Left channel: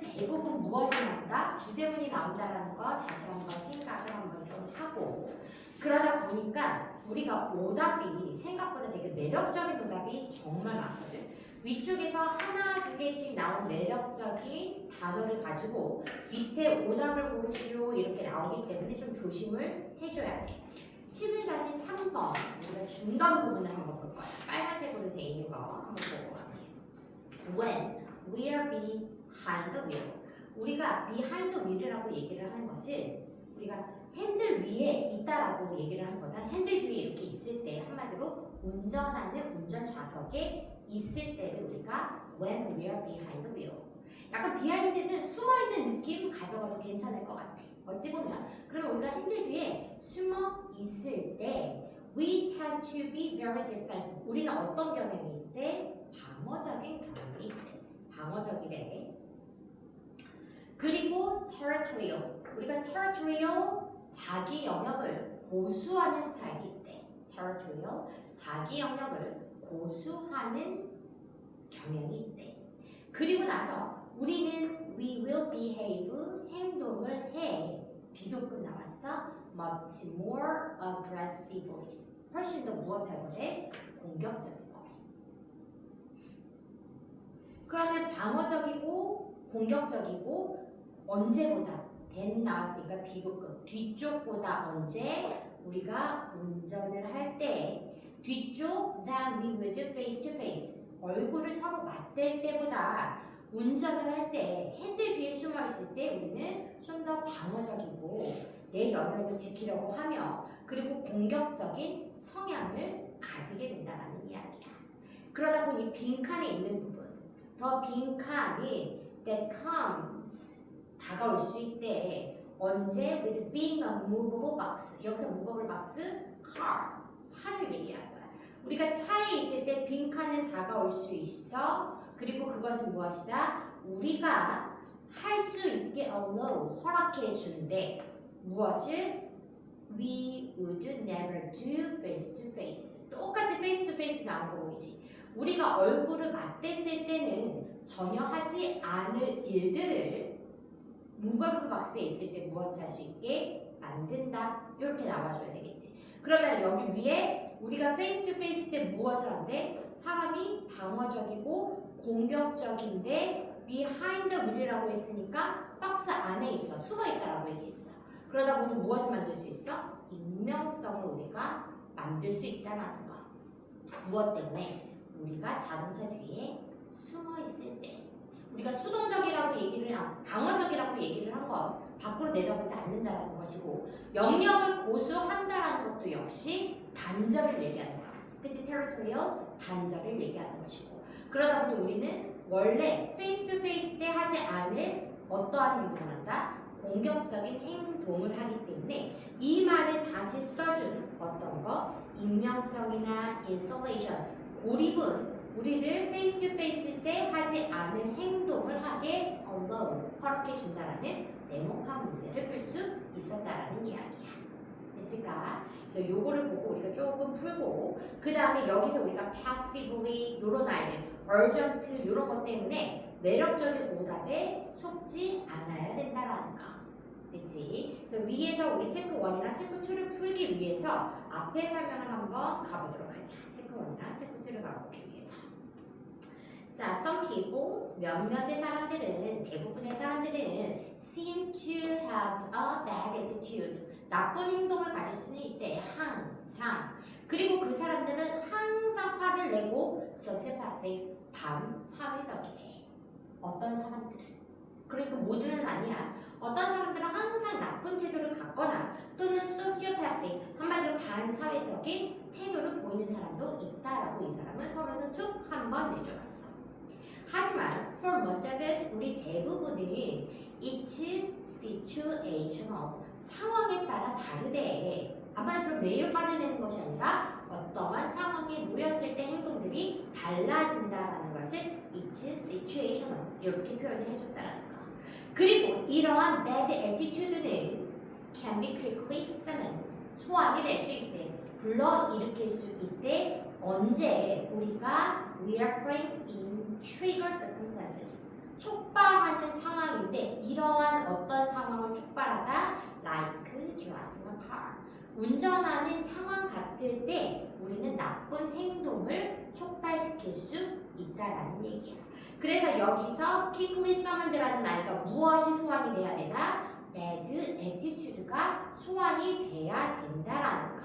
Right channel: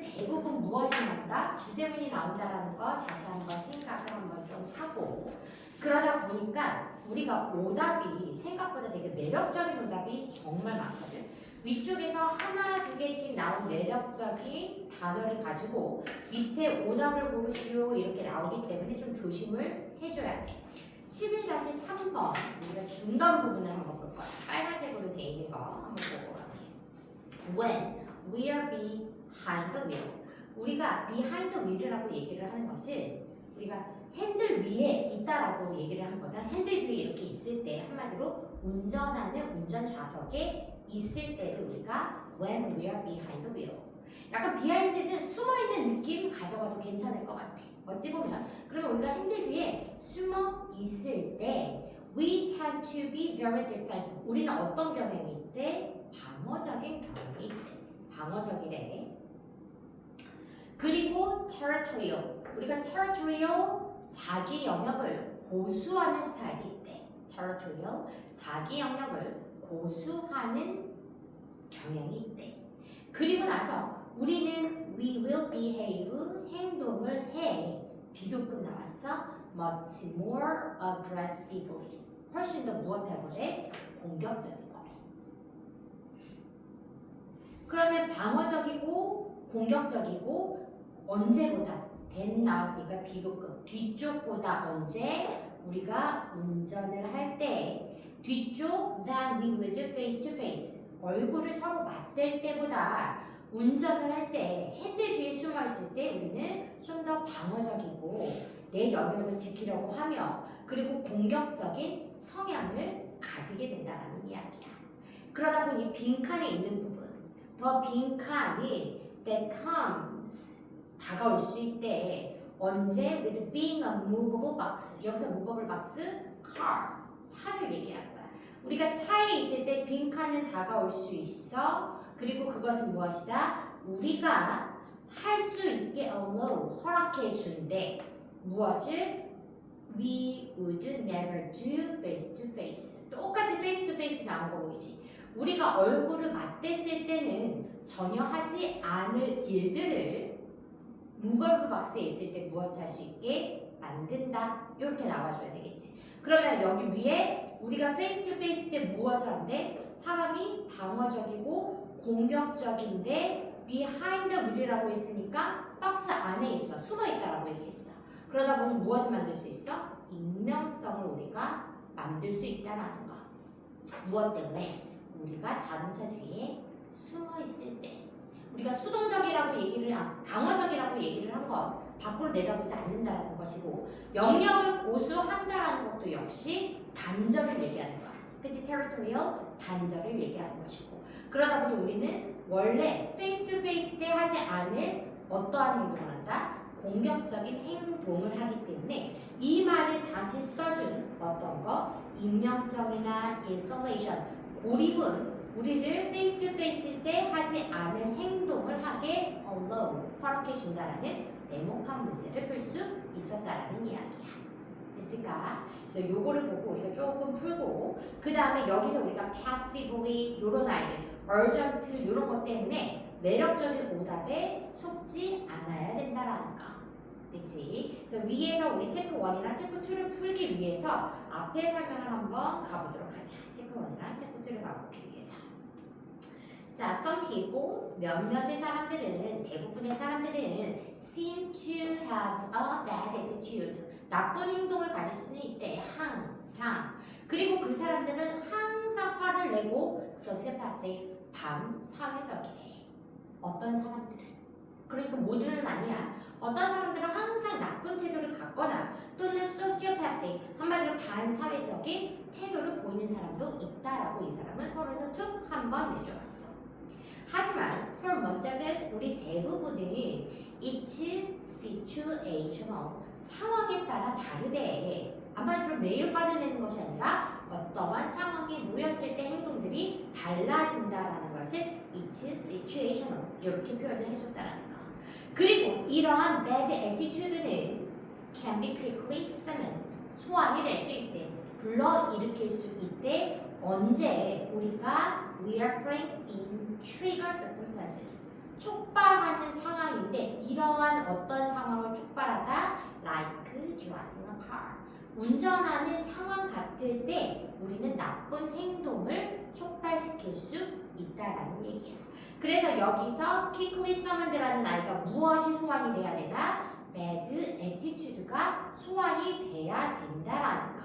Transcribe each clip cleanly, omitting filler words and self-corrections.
문제는 대부분 무엇이 나온다? 주제문이 나온다라는 거 다시 한번 생각을 한번 좀 하고 그러다 보니까 우리가 오답이 생각보다 되게 매력적인 오답이 정말 많거든. 위쪽에서 하나, 두 개씩 나온 매력적인 단어를 가지고 밑에 오답을 고르시오 이렇게 나오기 때문에 좀 조심을 해줘야 돼. 11-3번 우리가 중간 부분을 한번 볼 거야. 빨간색으로 돼 있는 거 한번 보고 갈게요. When we are behind the wheel. 우리가 behind the wheel이라고 얘기를 하는 것은 우리가 핸들 위에 있다라고 얘기를 한 거다. 핸들 위에 이렇게 있을 때 한마디로 운전하는 운전 좌석에 있을 때를 우리가 when we are behind the wheel. 약간 behind는 숨어있는 느낌 가져가도 괜찮을 것 같아. 어찌 보면 그러면 우리가 핸들 위에 숨어 있을 때 we tend to be very defensive. 우리는 어떤 경향이 있대? 방어적인 경향이 있대. 방어적이래. 그리고 territorial. 우리가 territorial 자기 영역을 고수하는 스타일이 있대. territorial 자기 영역을 고수하는 경향이 있대. 그리고 나서 우리는 we will behave 행동을 해. 비교급 나왔어. much more aggressively. 훨씬 더 무엇할 거래? 공격적인 거래. 그러면 방어적이고 공격적이고 언제보다 than 나왔으니까 비교급 뒤쪽보다 언제 우리가 운전을 할 때 뒤쪽 than we would face to face 얼굴을 서로 맞댈 때보다 운전을 할 때 핸들 뒤에 숨어 있을 때 우리는 좀 더 방어적이고 내 영역을 지키려고 하며 그리고 공격적인 성향을 가지게 된다는 이야기야. 그러다 보니 빈칸에 있는 부분 더 빈칸이 that comes 다가올 수 있대. 언제? with being a movable box. 여기서 movable box, car, 차를 얘기하는 거야. 우리가 차에 있을 때 빈칸은 다가올 수 있어. 그리고 그것은 무엇이다? 우리가 할 수 있게 allow, 허락해 준대. 무엇을? We would never do face to face. 똑같이 face to face 나온 거 보이지? 우리가 얼굴을 맞댔을 때는 전혀 하지 않을 일들을 무벌브 박스에 있을 때 무엇 할 수 있게 만든다. 이렇게 나와줘야 되겠지. 그러면 여기 위에 우리가 face to face 때 무엇을 한대? 사람이 방어적이고 공격적인데 behind the wheel이라고 했으니까 박스 안에 있어. 숨어 있다라고 얘기했어. 그러다 보니 무엇을 만들 수 있어? 익명성을 우리가 만들 수 있다는 거. 무엇 때문에? 우리가 자동차 뒤에 숨어 있을 때 우리가 수동적이라고 얘기를 방어적이라고 얘기를 한 건 밖으로 내다보지 않는다라는 것이고 영역을 고수한다라는 것도 역시 단절을 얘기하는 거야. 그치? territorial 단절을 얘기하는 것이고 그러다 보니 우리는 원래 face to face 때 하지 않은 어떠한 행동을 한다? 공격적인 행동을 하기 때문에 이 말을 다시 써준 어떤 거 익명성이나 isolation 고립은 우리를 face to face 때 하지 않을 행동을 하게 allow 허락해 준다라는 냉혹한 문제를 풀 수 있었다라는 이야기야. 됐을까? 그래서 요거를 보고 우리가 조금 풀고 그 다음에 여기서 우리가 passively 요런 아이들 urgent 요런 것 때문에 매력적인 오답에 속지 않아야 된다라는 거. 그치? 그래서 위에서 우리 체크 1이랑 체크 2를 풀기 위해서 앞에 설명을 한번 가보도록 하자. 체크 1이랑 체크 2를 가보기 위해서. 자, some people, 몇몇의 사람들은, 대부분의 사람들은 seem to have a bad attitude. 나쁜 행동을 가질 수는 있대. 항상. 그리고 그 사람들은 항상 화를 내고 sociopathic, 반사회적이래. 어떤 사람들은. 그러니까 모두는 아니야. 어떤 사람들은 항상 나쁜 태도를 갖거나 또는 sociopathic, 한마디로 반사회적인 태도를 보이는 사람도 있다라고 이 사람은 서로는 툭 한번 내줘봤어. 하지만 for most of us, 우리 대부분은 it's situational, 상황에 따라 다르대. 한마디로 매일 화를 내는 것이 아니라 어떠한 상황에 놓였을 때 행동들이 달라진다라는 것을 it's situational 이렇게 표현을 해줬다라는 거. 그리고 이러한 bad attitude는 can be quickly summoned, 소환이 될 수 있대. 불러일으킬 수 있대. 언제? 우리가 we are playing in trigger circumstances, 촉발하는 상황이 상황인데 이러한 어떤 상황을 촉발하다 like driving a car. 운전하는 상황 같을 때 우리는 나쁜 행동을 촉발시킬 수 있다라는 얘기야. 그래서 여기서 quickly summoned라는 아이가 무엇이 소환이 돼야 되나? bad attitude가 소환이 돼야 된다라는 거.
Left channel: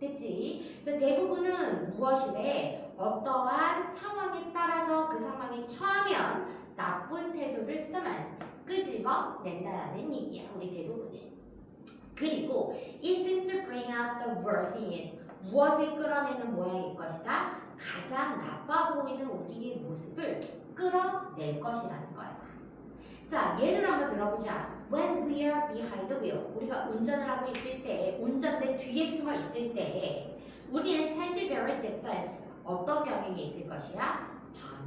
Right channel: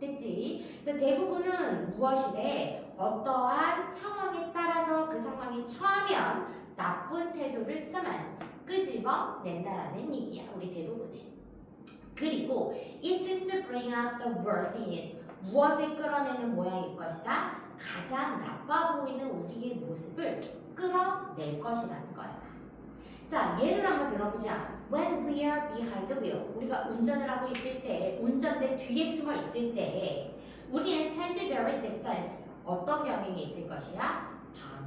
됐지? 그래서 대부분은 무엇이래? 어떠한 상황에 따라서 그 상황에 처하면 나쁜 태도를 쓰면 끄집어 낸다라는 얘기야. 우리 대부분은. 그리고 it seems to bring out the worst in it. 무엇을 끌어내는 모양일 것이다. 가장 나빠 보이는 우리의 모습을 끌어낼 것이라는 거야. 자, 예를 한번 들어보자. When we are behind the wheel, 우리가 운전을 하고 있을 때, 운전대 뒤에 숨어 있을 때, 우리는 tend to very defense. 어떤 경향이 있을 것이야?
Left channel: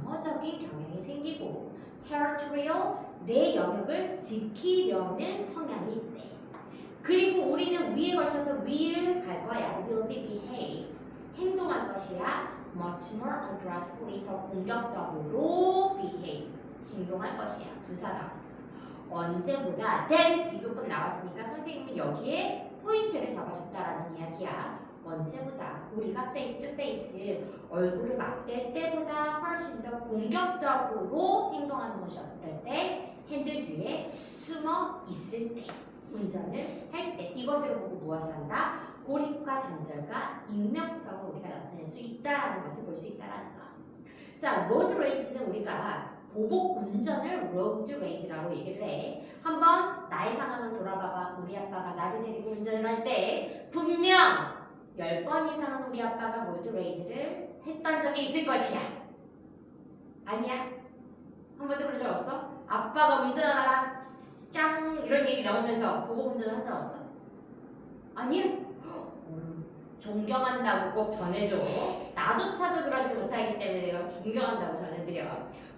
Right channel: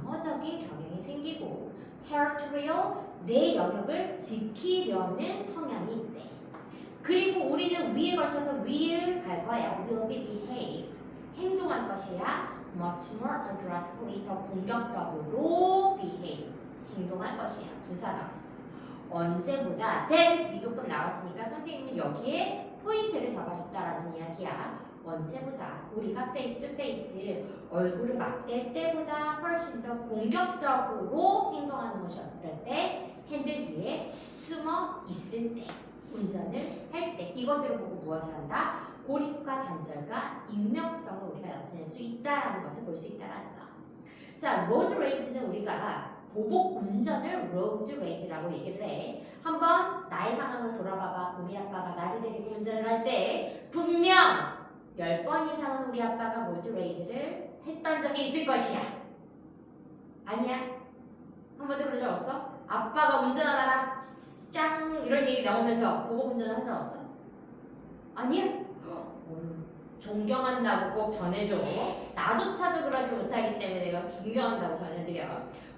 방어적인 경향이 생기고, territorial, 내 영역을 지키려는 성향이 있대. 그리고 우리는 위에 걸쳐서 will 갈 거야. will be behave. 행동할 것이야. much more aggressively, 더 공격적으로 behave. 행동할 것이야. 부사 나왔어. 언제보다 then 비교급 나왔으니까 선생님은 여기에 포인트를 잡아줬다라는 이야기야. 언제보다 우리가 face to face 얼굴을 맞댈 때보다 훨씬 더 공격적으로 행동하는 것이 어떨 때? 핸들 뒤에 숨어 있을 때, 운전을 할 때. 이것을 보고 무엇을 한다? 고립과 단절과 익명성을 우리가 나타낼 수 있다는 것을 볼 수 있다는 거. 자, 로드 레이스는 우리가 보복 운전을 로드 레이스라고 얘기를 해. 한번 나의 상황을 돌아봐봐. 우리 아빠가 나를 데리고 운전을 할 때 분명 10번 이상은 우리 아빠가 로드 레이스를 했던 적이 있을 것이야. 아니야? 한 번도 그런 적 없어? 아빠가 운전하다가 짱 이런 얘기 나오면서 보복 운전을 한 적 없어? 아니야? 존경한다고 꼭 전해줘. 나조차도 그러지 못하기 때문에 내가 존경한다고 전해드려.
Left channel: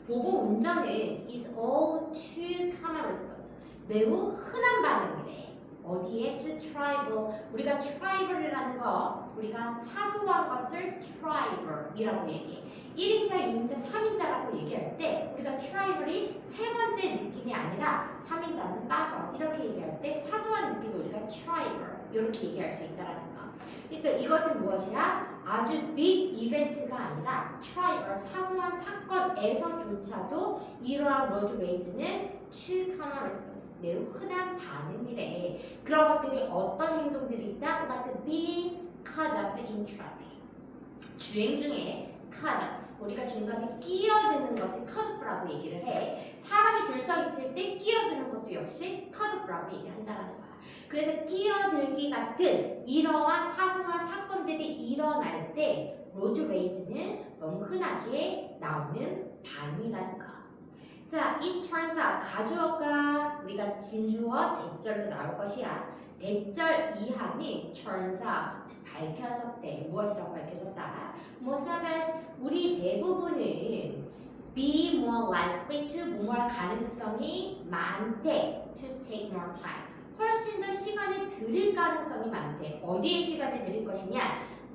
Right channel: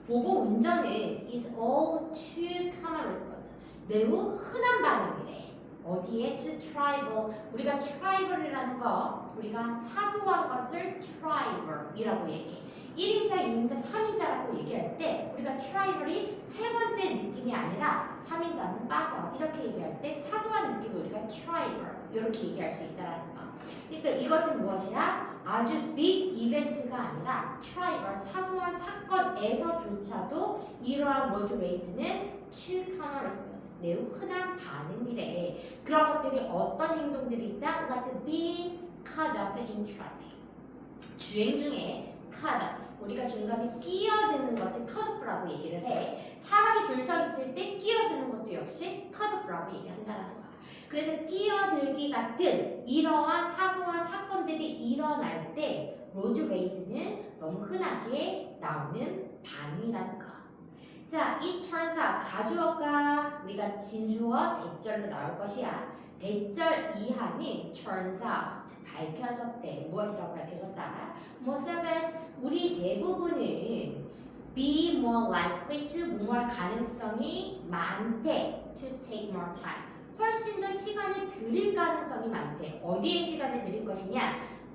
보복 운전은 is all too common response. 매우 흔한 반응이래. 어디에? to trivial. 우리가 trivial이라는 거, 우리가 사소한 것을 trivial이라고 얘기해. 1인자, 2인자, 3인자라고 얘기할 때 우리가 trivial이 세 번째 느낌이 아니라 3인자는 빠져. 이렇게 얘기할 때 사소한 느낌을 우리가 trivial 이렇게 얘기할 수 있다는 거. 그러니까 이것은 무엇이야? 아주 빅 이벤트가 아니라 트라이벌 사소한 사건에서조차도 이러한 로드 레이즈는 too common response 매우 흔한 반응이래. 그런 것들이 어떤 행동들이 있다? Like being cut off in traffic. 주행 중에 cut off 우리가 중간에 끼어드는 것을 cut off라고 얘기를 해. 사람이 줄 서 있을 때 끼어드는 것도 역시 cut off라고 얘기를 한다는 거야. 그래서 끼어들기 같은 이러한 사소한 사건들이 일어날 때 로드 레이즈는 너무 흔하게 나오는 반응이라는 거. 자, it turns out 가주어가 우리가 진주어 대절로 나올 것이야. 대절 이하는 turns out 밝혀졌대. 무엇이라고 밝혀졌다? Most of us 우리 대부분은 be more likely to 뭐할 가능성이 많대. To take more time. 훨씬 더 시간을 들일 가능성이 많대. 어디에 시간을 들일 것이냐?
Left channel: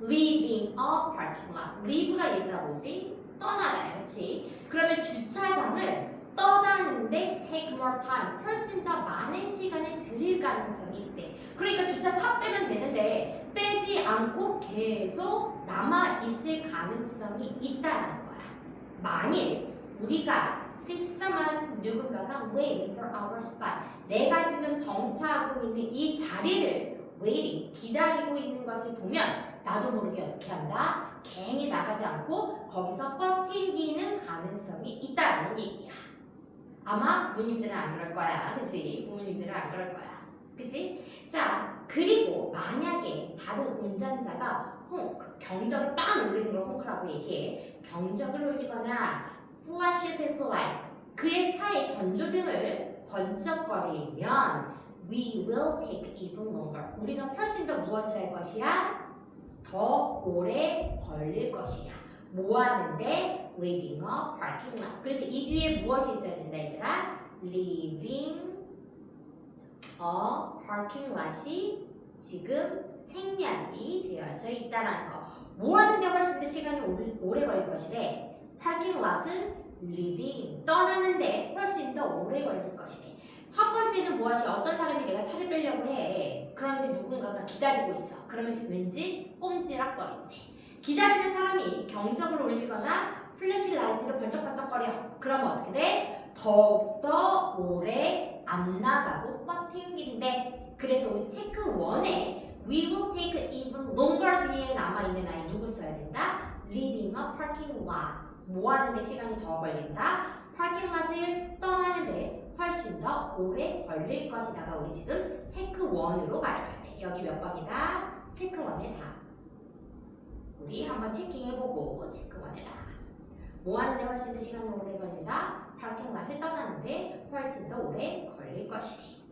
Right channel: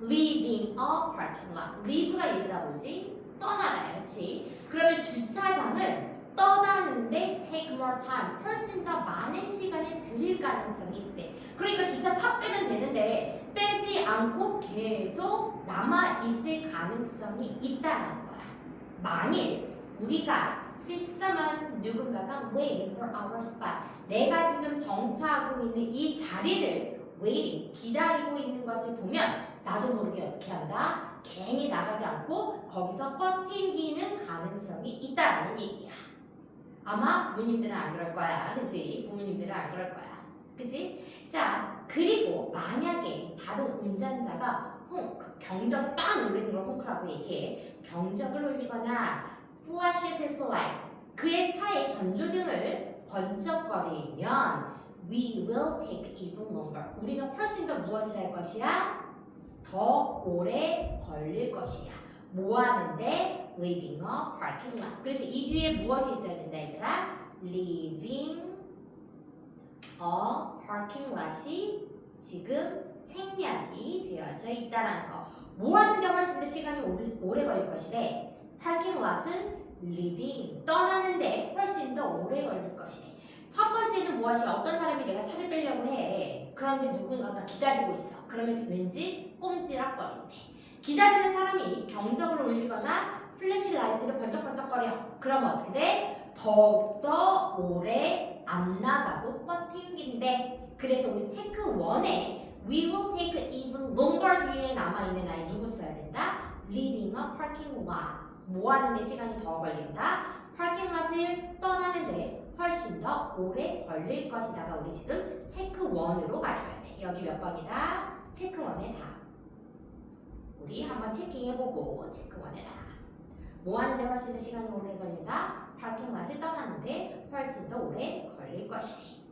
Leaving a parking lot. leave가 얘들아 뭐지? 떠나다, 그렇지? 그러면 주차장을 떠나는데 take more time. 훨씬 더 많은 시간을 들일 가능성이 있대. 그러니까 주차 차 빼면 되는데 빼지 않고 계속 남아 있을 가능성이 있다는 거야. 만일 우리가 see someone 누군가가 waiting for our spot. 내가 지금 정차하고 있는 이 자리를 waiting 기다리고 있는 것을 보면 나도 모르게 어떻게 한다? 괜히 나가지 않고 거기서 버팅기는 가능성이 있다는 얘기야. 아마 부모님들은 안 그럴 거야, 그치? 부모님들은 안 그럴 거야, 그치? 자, 그리고 만약에 다른 운전자가 경적을 딱 울리는 걸 hon크라고 얘기해. 경적을 울리거나 flashes his light, 그의 차의 전조등을 번쩍거리면 we will take even longer. 우리가 훨씬 더 무엇을 할 것이야? 더 오래 걸릴 것이야. 뭐 하는데? Leaving a parking lot. 그래서 이 뒤에 무엇이 있어야 된다 얘들아? Leaving a parking lot이 지금 생략이 되어져 있다라는 거. 뭐 하는데 훨씬 더 시간이 오래 걸릴 것이래? parking lot은 leaving 떠나는데 훨씬 더 오래 걸릴 것이래. 올리려고 해. 그런데 누군가가 기다리고 있어. 그러면 왠지 꼼지락거린대. 기다리는 사람이 경적을 올리거나 플래시 라이트를 번쩍번쩍거려. 그러면 어떻게 돼? 더욱더 오래 안 나가고 버팅긴대. 그래서 우리 체크 1에 We will take even longer 뒤에 남아있는 아이 누구 써야 된다? Leaving a parking lot. 뭐 하는데 시간이 더 걸린다? 파킹 랏을 떠나는데 훨씬 더 오래 걸릴 것이다가 우리 지금 체크 1으로 가져야 돼. 여기 몇 번이다? 체크 1에 다. 우리 한번 체킹해보고 체크 1에 다. 뭐 하는데 훨씬 더 시간이 오래 걸린다? 파킹 랏을 떠나는데 훨씬 더 오래 걸릴 것이지.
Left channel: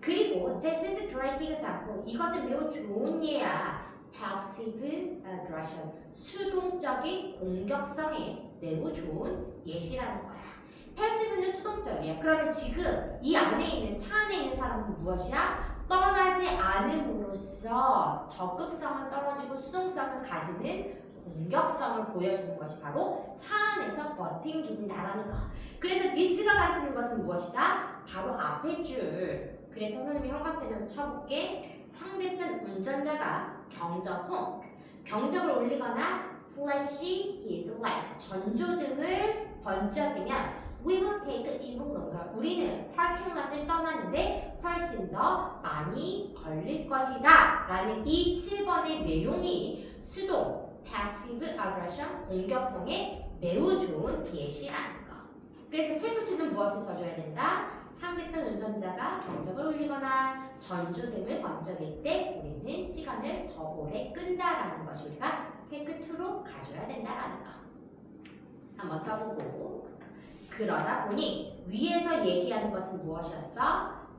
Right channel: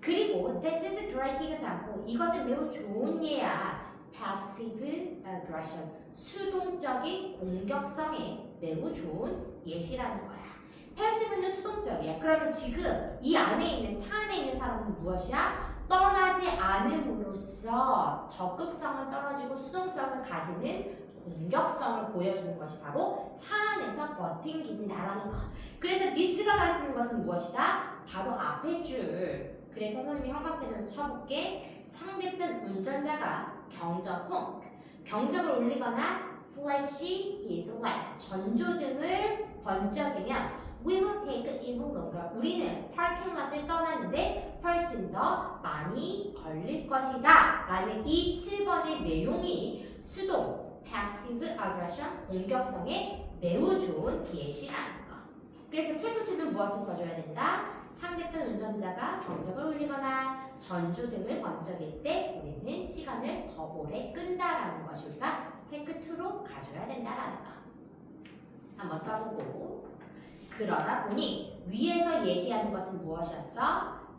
그리고 this is great example. 이것은 매우 좋은 예야. passive aggression. 수동적인 공격성에 매우 좋은 예시라는 거야. 패시브는 수동적이야. 그러면 지금 이 안에 있는 차 안에 있는 사람은 무엇이야? 떠나지 않음으로써 적극성은 떨어지고 수동성을 가지는 공격성을 보여주는 것이 바로 차 안에서 버팅긴다라는 거. 그래서 this가 가르치는 것은 무엇이다? 바로 앞에 줄. 그래서 선생님이 형광펜으로 쳐볼게. 상대편 운전자가 경적을 올리거나 flash his light, 전조등을 번쩍이면 we will take even longer. 우리는 파킹 랏을 떠나는데 훨씬 더 많이 걸릴 것이다 라는 이 7번의 내용이 수동, passive aggression, 공격성에 매우 좋은 예시라는 거. 그래서 체크 2는 무엇을 써줘야 된다? 상대편 운전자가 경적을 올리거나 전조등을 번쩍일 때 우리는 시간을 더 오래 끈다라는 것이 우리가 체크 2로 가져야 된다라는 거. 한번 써보고. 그러다 보니 위에서 얘기하는 것은 무엇이었어?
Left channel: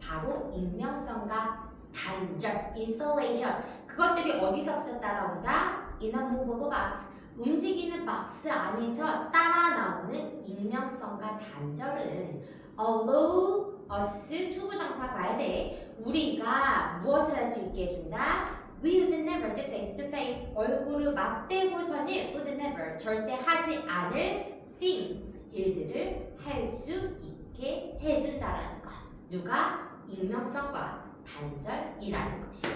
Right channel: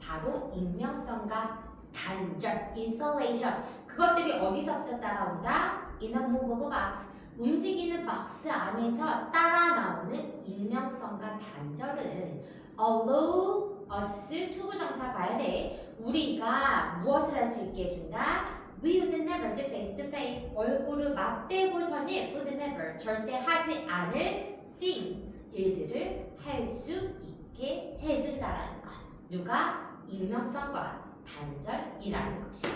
바로 익명성과 단절, insulation. 그것들이 어디서부터 따라온다? In a movable box. 움직이는 박스 안에서 따라 나오는 익명성과 단절은 allow us 투부정사 가야 돼. 우리가 무엇을 할 수 있게 해준다? We would never do face to face. 얼굴을 맞대고서는 would never 절대 하지 않을 things 일들을 할 수 있게 해준다라는 거. 누가? 익명성과 단절이라는 것이.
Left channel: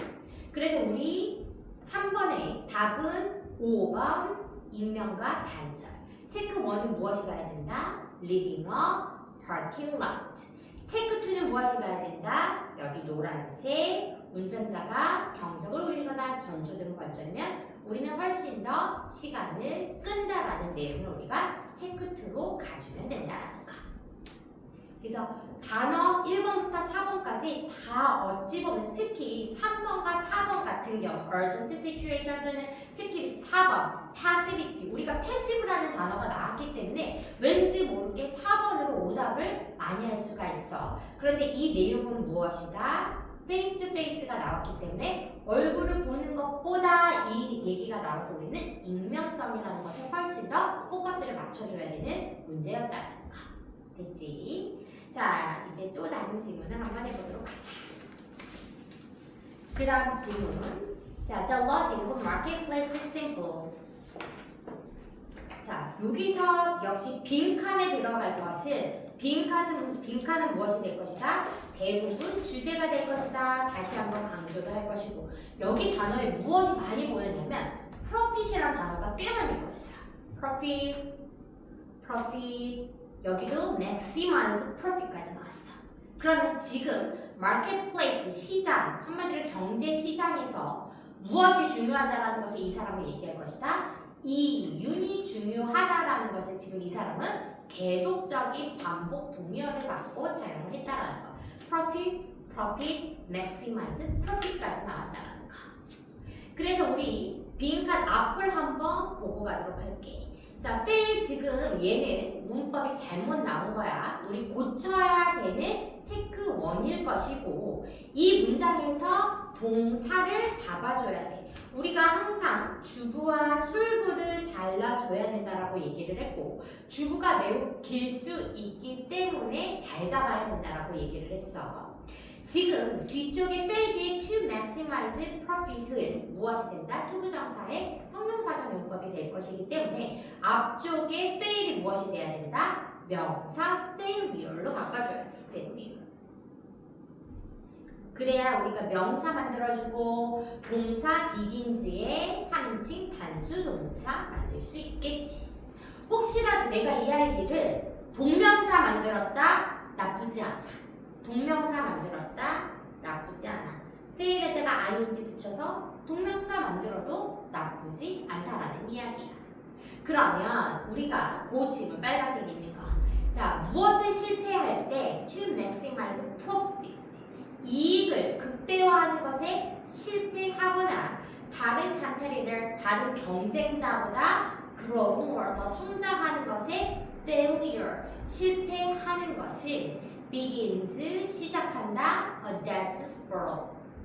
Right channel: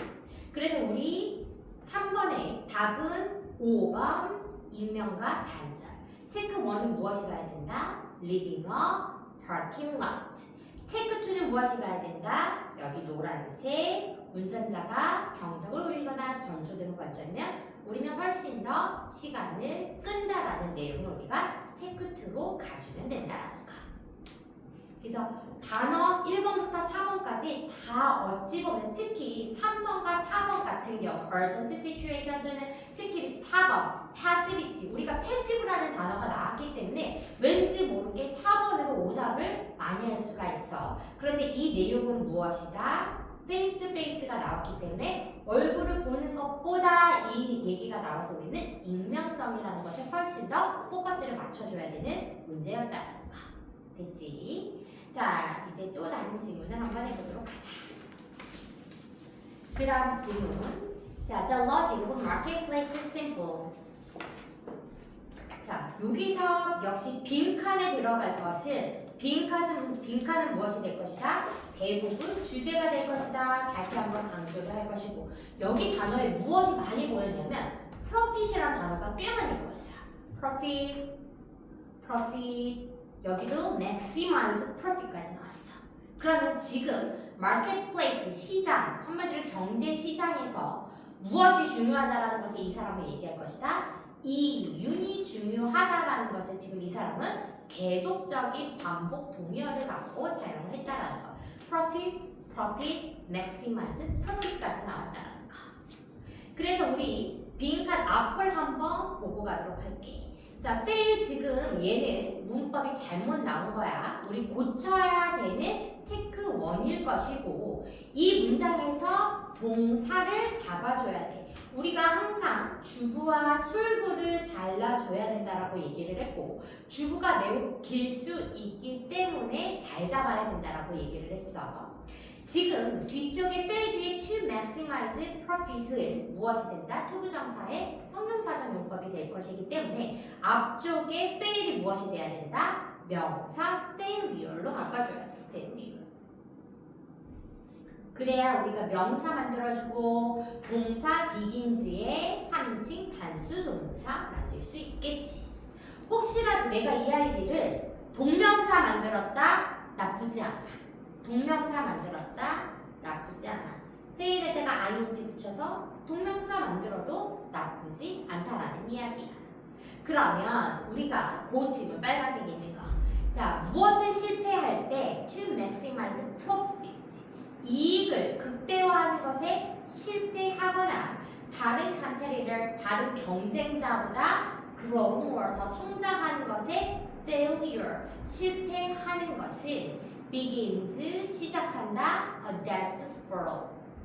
그래서 우리 3번의 답은 5번 익명과 단절. 체크 1은 무엇이 가야 된다? Leaving a parking lot. 체크 2는 무엇이 가야 된다? 여기 노란색 운전자가 경적을 울리거나 전조등을 번쩍이면 우리는 훨씬 더 시간을 끈다라는 내용을 우리가 체크 2로 가주면 된다라는 거. 그래서 단어 1번부터 4번까지 다 어찌 보면 특히 3번과 4번 같은 경우 urgent situation 또는 특히 4번 passivity 우리가 passive라는 단어가 나왔기 때문에 왠지 모르게 4번으로 오답을 많이 할 수가 있어. 그런데 이 내용은 무엇이다? face to face가 나왔기 때문에 얼굴을 보는 것보다 이 얘기가 나와서 우리는 익명성이라는 것에 훨씬 더 포커스를 맞춰줘야 되는 문제였다는 거. 됐지? 자, 이제 또 다른 질문을 한번 해보도록 하자. 그 다음 질문. 자, the logic of marketplace is simple. 자, 여기서 역시 빈칸에 들어갈 것은 빈칸은 무엇이 될 것이다? 대부분 주제가 될 것이다. 다시 한번 강조를 할 것이고 여기 단어에 무엇이 많이 보였냐면 profit이라는 단어가 꽤 많이 보였어. profit 여기도 maximize profit까지 나왔어. 그러면 지금 marketplace 시장 한마디로 경제 시장에서 무엇이 중요하다라는 것을 이 사람은 얘기할 것이다. 이윤이 중요하다라는 것을 지금 이 사람은 계속적인 반복 동의어를 갖고 사용을 했다라는 거. profit, maximize, profit까지 나왔다라는 거. 그래서 우리 빈칸 앞을 한번 보고 가도록 할게. 자, fail 지금 얘는 문법이 잘못 나온 거야. 우리 고쳐야 되는 체크 1일 것이고 이 문장에서 동사를 잡아줘야 돼. 우리가 항상 주부와 술부를 잘라줘야 된다라고 얘기를 했고 주부가 매우 길 수 있기 때문에 잘 잡아야 된다라고 얘기를 했어. 지금 뒤쪽에 fail이 to maximize profit은 무엇이 된다? 투부정사의 형용사적 용법이 될 것이기 때문에 앞쪽에 fail이 무엇이 돼야 된다? 명사 failure로 바꿔줘야 돼. failure. 그래야 우리가 명사 만들어주고 동사 비긴즈의 3인칭 단수 동사 만들 수 있겠지. 혹시라도 내가 이 아이를 동명사 만들었다? 나쁘지 않아. 동명사 만들었다? 나쁘지 않아. 페일에다가 ing 붙여서 동명사 만들어도 나쁘지 않다라는 이야기야. 그러면 우리가 그 지금 빨간색 있는 거. 자, 무엇을 실패할 때 to maximize profit 이익을 극대화하는 것에 실패하거나 다른 competitor, 다른 경쟁자보다 grow more, 더 성장하는 것에 failure, 실패하는 것을 begins, 시작한다, a death spiral,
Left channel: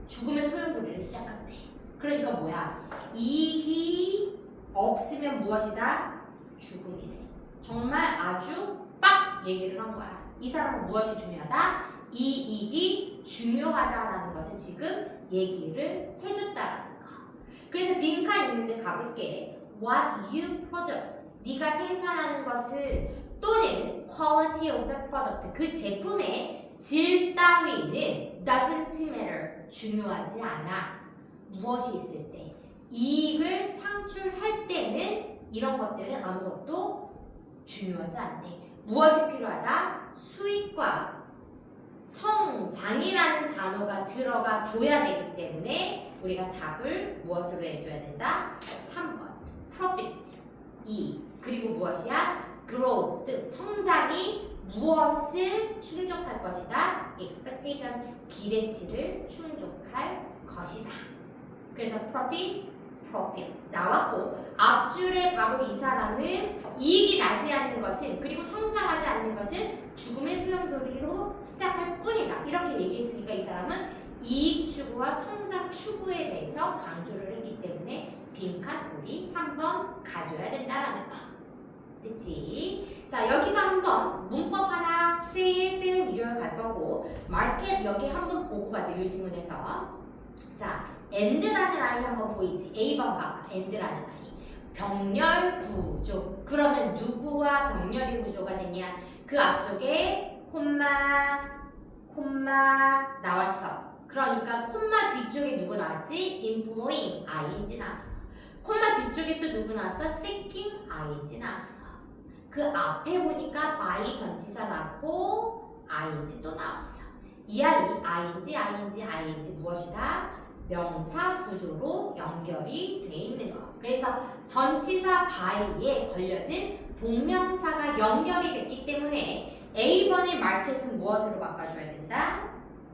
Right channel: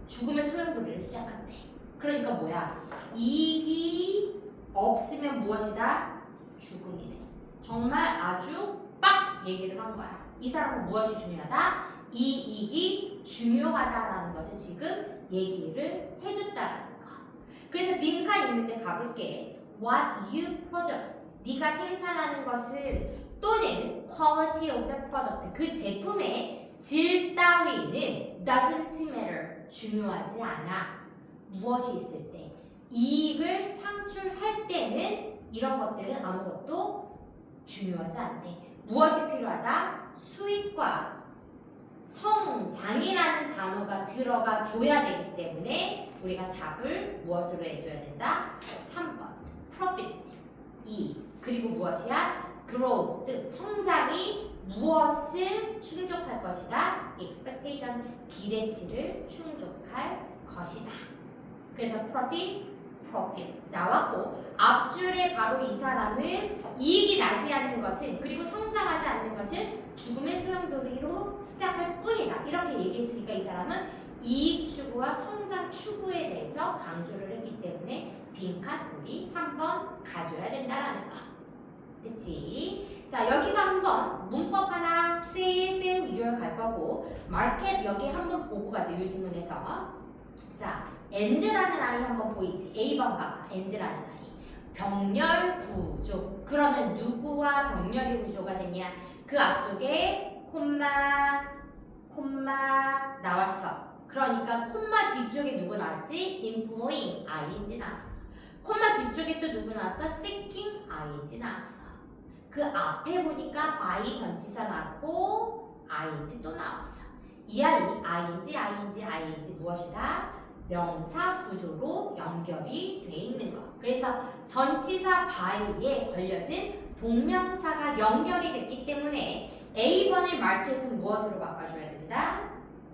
죽음의 소용돌이를 시작한대. 그러니까 뭐야? 이익이 없으면 무엇이다? 죽음이래. 정말 아주 빡 얘기를 한 거야. 이 사람은 무엇이 중요하다? 이익이 중요하다라는 것을 지금 얘기를 해줬다라는 거. 그래서 빈칸 있는데 가볼게. What you produce, 네가 생산하는 것을 또는 quality of the product, 그 제품의 질 따위는 doesn't matter, 중요하지 않아. 무엇이 있을 때? 이익을 창출할 때는 이런 것들은 아무것도 중요하지 않대. 무엇이 필요하다? 수익과 성장이라는 단어가 들어가 줘야 되기 때문에 우리가 답을 무엇으로 해줘야 된다? 3번 profit, 이익. 그리고 무엇이야? growth, 성장이 무엇을 충족할 것이다? expectation, 기대치를 충족할 것이다. 그래서 profit 나왔고 앞줄에 바로 이 사람은 이익이 나지 않는 것을 그리고 성장하지 않는 것을 죽음의 소용돌이로 시작할 뿐이다. 이렇게 얘기했으니까 이 사람은 이익 추구와 성장 추구에 대해서 강조를 했기 때문에 빈칸 우리 3번 가져야 된다라는 거. 됐지? 자, 여기서 한번 문법 하나 fail 갈 거고 market 여기 한번 보고 가죠. 이 지문에서. 자, and라는 아이 한번 보이지? A번 봐봐. and라는 아이. 병렬 구조. 그러면 누구와 병렬이 구조가 되냐? 그 앞쪽에 콤마 나왔어. 그러니까 콤마 뒤쪽에 누구 나왔지? employing ing 나왔어. 콤마 뒤쪽에 또 누구 나왔어? seeking ing 나왔어. 그 앞에 보니까 by 전치사 나왔고 ing 또 나왔어. 이 아이 ing 무엇이다? 명사 구조로 연결이 돼 있는 거. 그래서 전치사 by에 걸려진 동명사가 연결이 됐기 때문에 A번의 market은 무엇으로 바꿔줘야 된다?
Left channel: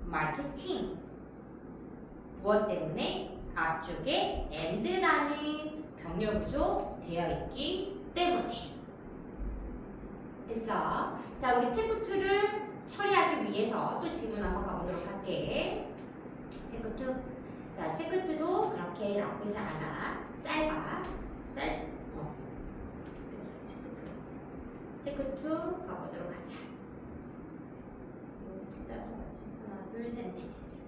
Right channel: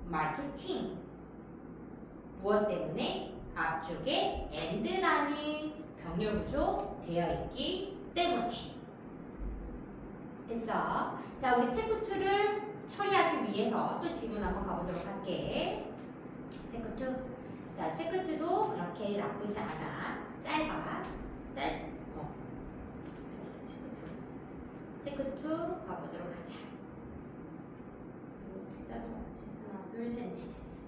marketing. 무엇 때문에? 앞쪽에 and라는 병렬 구조 되어 있기 때문에. 됐어. 자, 우리 체크 2를 처리하기 위해서 또 지문 한번 가보도록 할게. 체크 2. 자, 체크 2도 그렇게 나쁘지 않아. 짧아. 체크 2 가보도록 하자. 하나, 둘, 셋, 넷.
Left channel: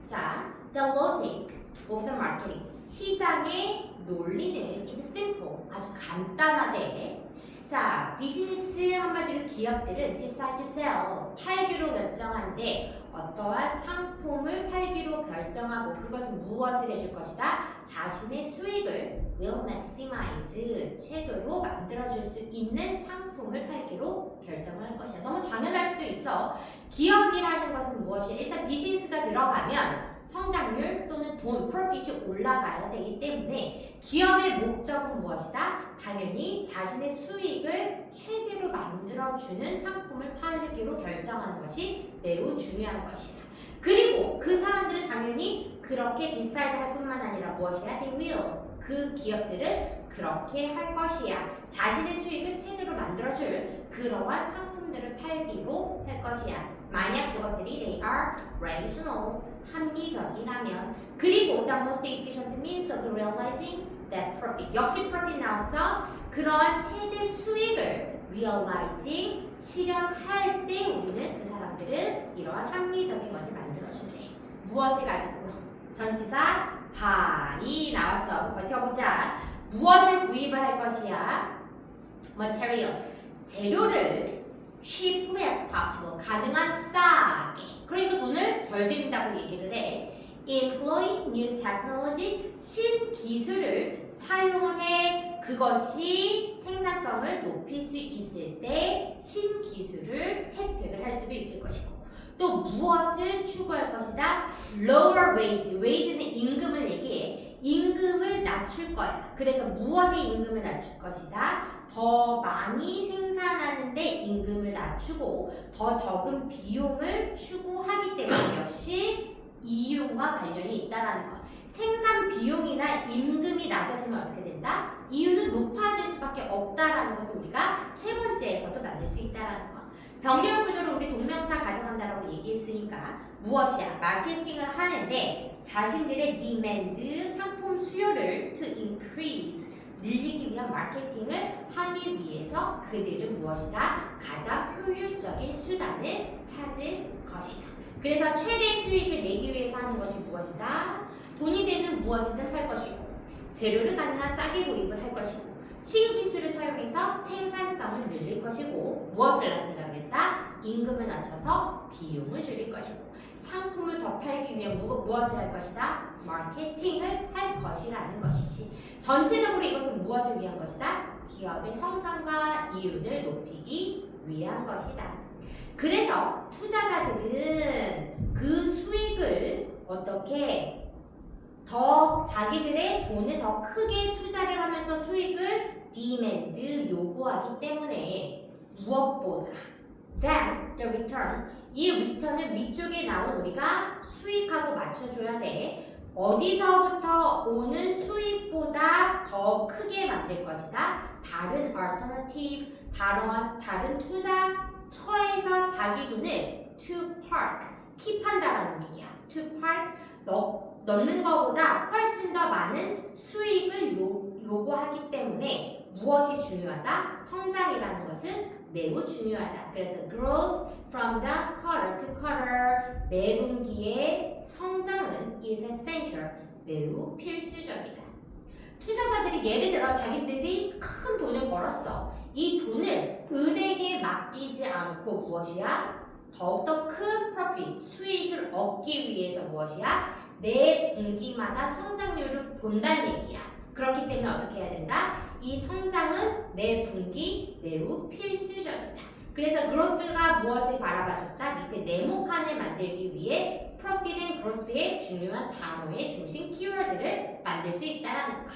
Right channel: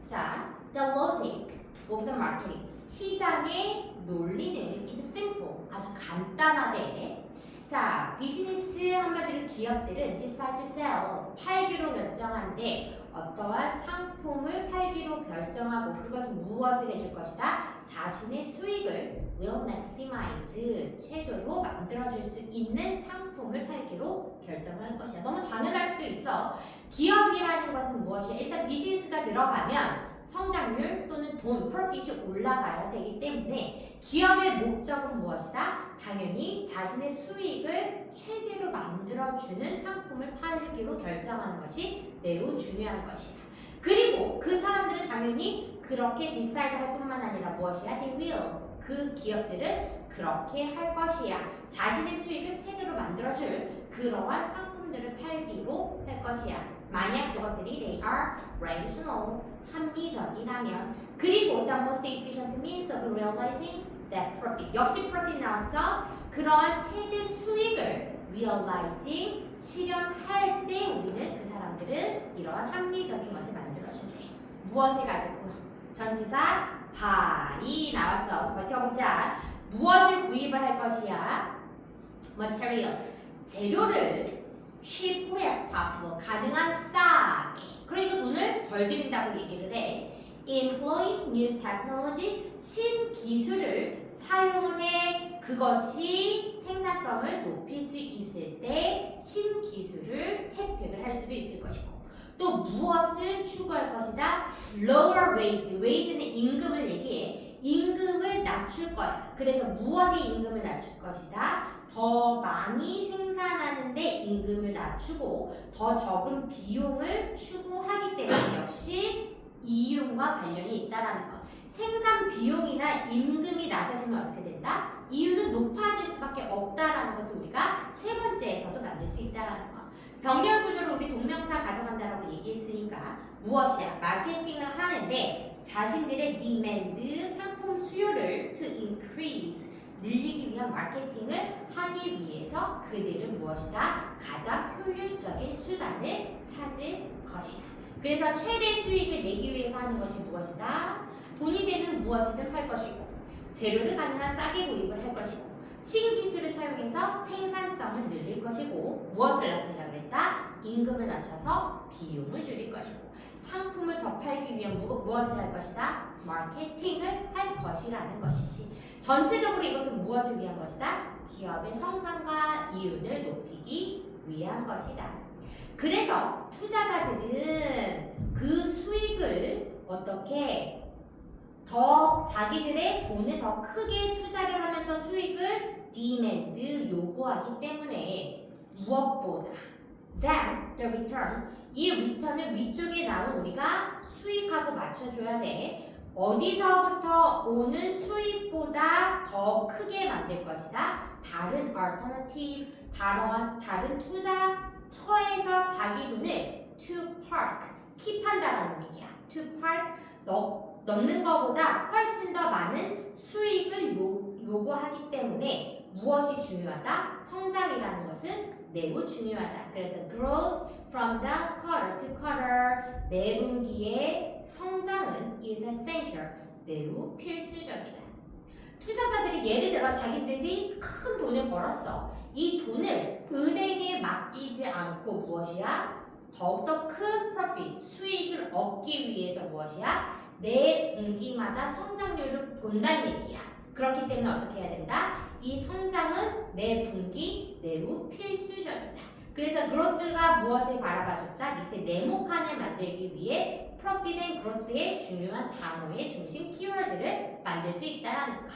자, the logic of the marketing. 시장의 논리는 is simple. 아주 간단하대. 자, 비즈니스 한마디로 기업들은 decide to sell, 팔기로 결정한데 어떠한 상품을 팔기로 결정하고 그것은 무엇을 해줄 것이다? 자신의 수익을 will maximize, 최대로 만들어줄 수 있는 상품을 팔기로 결정을 할 것이야. 너무 당연할 수도 있어. 기업이라는 것은 무엇이야? 일단 비즈니스가 들어가면 성장률 또는 돈, 프로핏이 올라가야 되기 때문에 기업의 목적은 무엇이다? 당연히 자신의 수익을 최대로 만들어주는 상품을 팔기로 결정하는 것이 매우 중요한 것이다. 그리고 그 사람들은 당연히 그렇게 decide 할 뿐만 아니라 무엇이야? They will. 그 기업들은 그렇게 할 것이야. 자신의 수익을 최대로 만들어줄 그러한 상품들을 팔기로 할 것이야. 만약 그것들이 they are rational, 합리적이라면. 그리고 the most efficient means of realizing that profit. 역시 profit 나왔어. 그러한 최대 수익을 realizing, 실현할 때 우리는 그 사람들은 이러한 합리적인 것을 만들어준대. 무엇을 가지고? 전치사 buy 나왔어. 버텨보자. 무엇을 구입을 할 것이야? material, 재료를 cheaply as possible, 가능한 싸게. 그러니까 돈을 덜 들인다고 얘기를 해. employ new technology, 신기술을 사용을 해. 그것이 생산성을 높일 수 있을 때 신기술을 채택을 할 수도 있을 것이고, 또 무엇을 추구할 것이다? lower wage, wage는 임금을 얘기해. 임금을 낮출 거야. 그래서 무엇의 임금을 낮출 것이다? 더 많이 생산하는데 임금을 낮추고 더 적은 비용을 추구하기 때문에 역시 이윤과 관련이 있다라는 것. 생산 비용이나 임금이 낮아지면 어떻게 된다? 이윤은 높아질 수밖에 없다라는 것을 우리가 세 번째에서도 만들 수 있다라는 것. 병렬 구조를 우리 동명사 가져간다라고 얘기했으니까 무엇이야? 마케팅을 하는데 자신들의 demand, 상품 수요를 to increase, 늘리기 위한 마케팅을 하기 위해서 그들은 무엇이다? 가장 효율적인 수단을 찾을 것이다. 그래서 최대 수익을 내기 위해서 하는 것이 무엇이다? 돈이 되는 무엇이든 할 것이고, 재료를 가능한 싸게 구입을 할 것이고, 신기술을 사용해서 생산성을 늘릴 것이고, 무엇을 낮춘다 그랬다? 임금을 낮춰서 비용을 줄일 것이고, 상품을 더 팔기 위해 무엇을 할 것이다? 마케팅을 할 것이라는 것이지. 전체적으로 이것은 무엇을 위한 것이다? 기업의 성장과 이윤을 높이기 위한 것이다. 그래서 투자자들은 그 수익을 어떻게 더 자기들의 돈을 더 크게 투자를 하면서 수익을 demand, 요구하기 때문에 무엇보다 than the return, 이 return을 위쪽에 나온 우리가 수익하고 맞춰줘야 돼. 어디서부터 오는 수익보다 더 크게 만들 것이다. 다른 alternative, 다른 투자처에서 자기 돈을 to park, 킵한다라는 얘기야. to park, 넣는 것보다 훨씬 더 많은 수익을 요구하기 때문에 무엇이 중요하다? 성장이라는 것은 매우 중요하다. 그래서 growth from the quarter to quarter, 매분기의 성장은 is essential, 매우 필수적이다. 투자자들이 예를 들어 자기들이 큰 돈을 벌었어. 이 돈을 은행에 맡기지 않고 무엇이야? 더욱더 큰 profit, 수익을 얻기 위해서 무엇이야? 매 분기마다 성장률을 본다는 얘기야. 그렇기 때문에 어떻게 해야 된다? 이 성장은 매 분기 매우 필수적이다. 그래서 growth가 무엇을 바라봐줬다? 밑에 네모칸을 만들기 위해 profit and growth의 중요한 단어의 중심 키워드를 만들 수 있다는 거.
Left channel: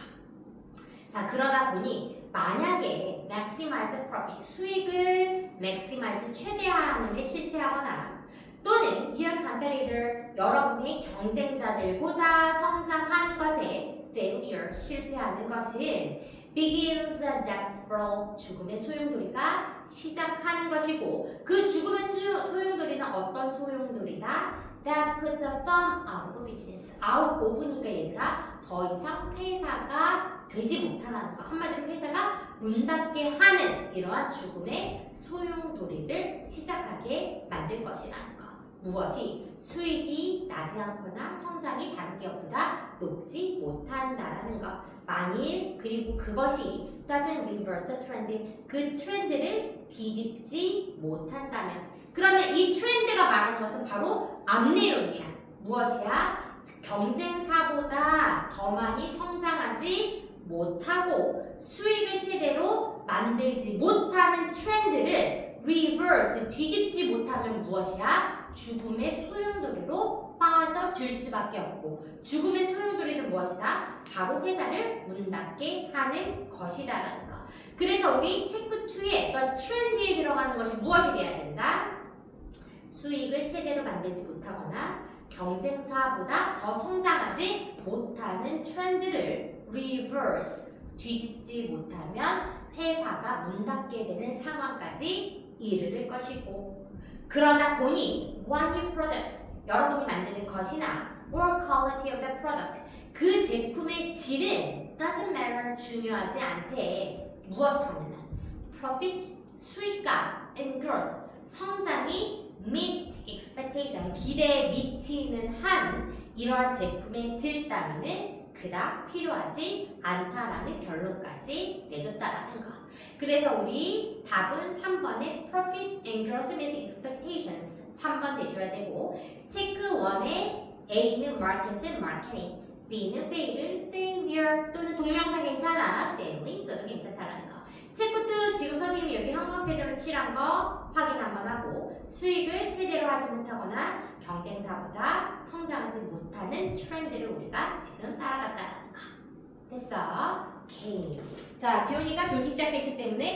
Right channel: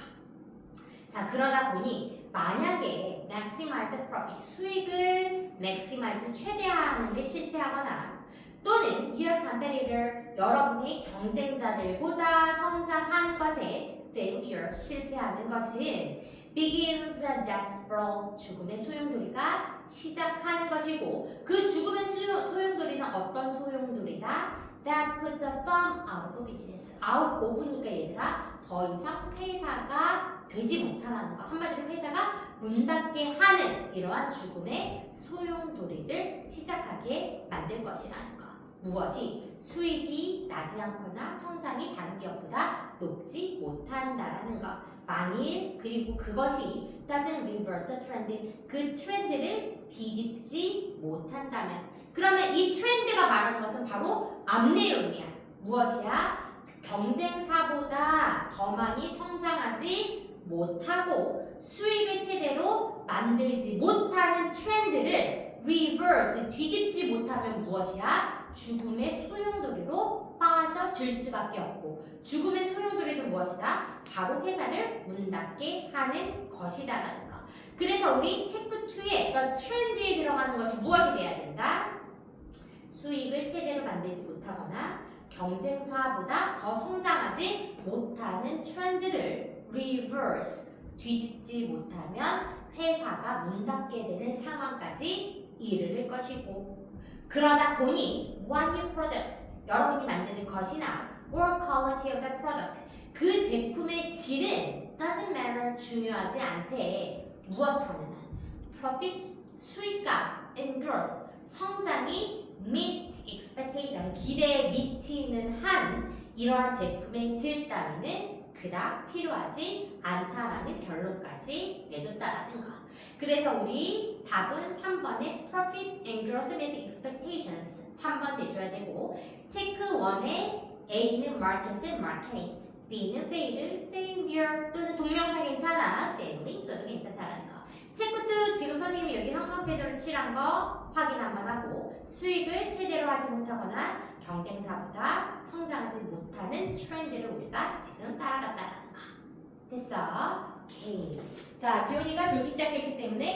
자, 그러다 보니 만약에 maximize profit, 수익을 maximize, 최대화하는 데 실패하거나 또는 your competitor, 여러분의 경쟁자들보다 성장하는 것에 failure, 실패하는 것은 begins desperate, 죽음의 소용돌이가 시작하는 것이고, 그 죽음의 소용돌이는 어떤 소용돌이다? That puts a firm out of business. out of니까 얘들아, 더 이상 회사가 되지 못하는 거. 한마디로 회사가 문 닫게 하는 이러한 죽음의 소용돌이를 시작하게 만들 것이라는 거. 무엇이? 수익이 나지 않거나 성장이 다른 기업보다 높지 못한다라는 것. 만일 그리고 그것이 doesn't reverse the trend, 그 트렌드를 뒤집지 못한다면, 그러면 이 트렌드가 말하는 것은 바로 앞 내용이야. 무엇이야? 경쟁사보다 더 많이 성장하지 못하고 수익을 제대로 만들지 못하는 트렌드를 reverse, 뒤집지 못하면 무엇이야? 죽음의 소용돌이로 빠져들 수밖에 없고, 죽음의 소용돌이는 무엇이다? 바로 회사를 문 닫게 하는 것이다라는 거. 그래서 우리 체크 2의 어떤 트렌드에 들어가는 것이 무엇이 돼야 된다? 수익을 제대로 만들지 못하거나 경쟁사보다 더 성장하지 못하는 트렌드를 reverse, 뒤집지 못하면 회사가 문 닫게 되는 상황까지 이르를 것이고, 그러다 보니 what you produce, 여러분이 만드는 것이나 or quality of the product, 그 제품의 질은 doesn't matter, 중요하지 않대. 무엇하는 한? profit, 수익감, and growth, 성장이 meet expectation, 기대에 미치는 한 이러한 제품의 질 따위는 그닥 필요하지 않다라는 결론까지 내줬다라는 거. 그래서 우리 답은 3번의 profit and growth meet expectations 3번 내줘야 되고, 체크 1의 A는 market을 marketing, B는 fail을 failure 또는 동명사 괜찮아 failing 써도 괜찮다라는 거. 체크투 지금 선생님이 여기 형광펜으로 칠한 거 확인 한번 하고 수익을 제대로 하지 못하거나 경쟁사보다 성장하지 못하는 트렌드를 우리가 지금 따라갔다라는 거. 됐어? 오케이. 자, 지훈이가 졸기 시작했기 때문에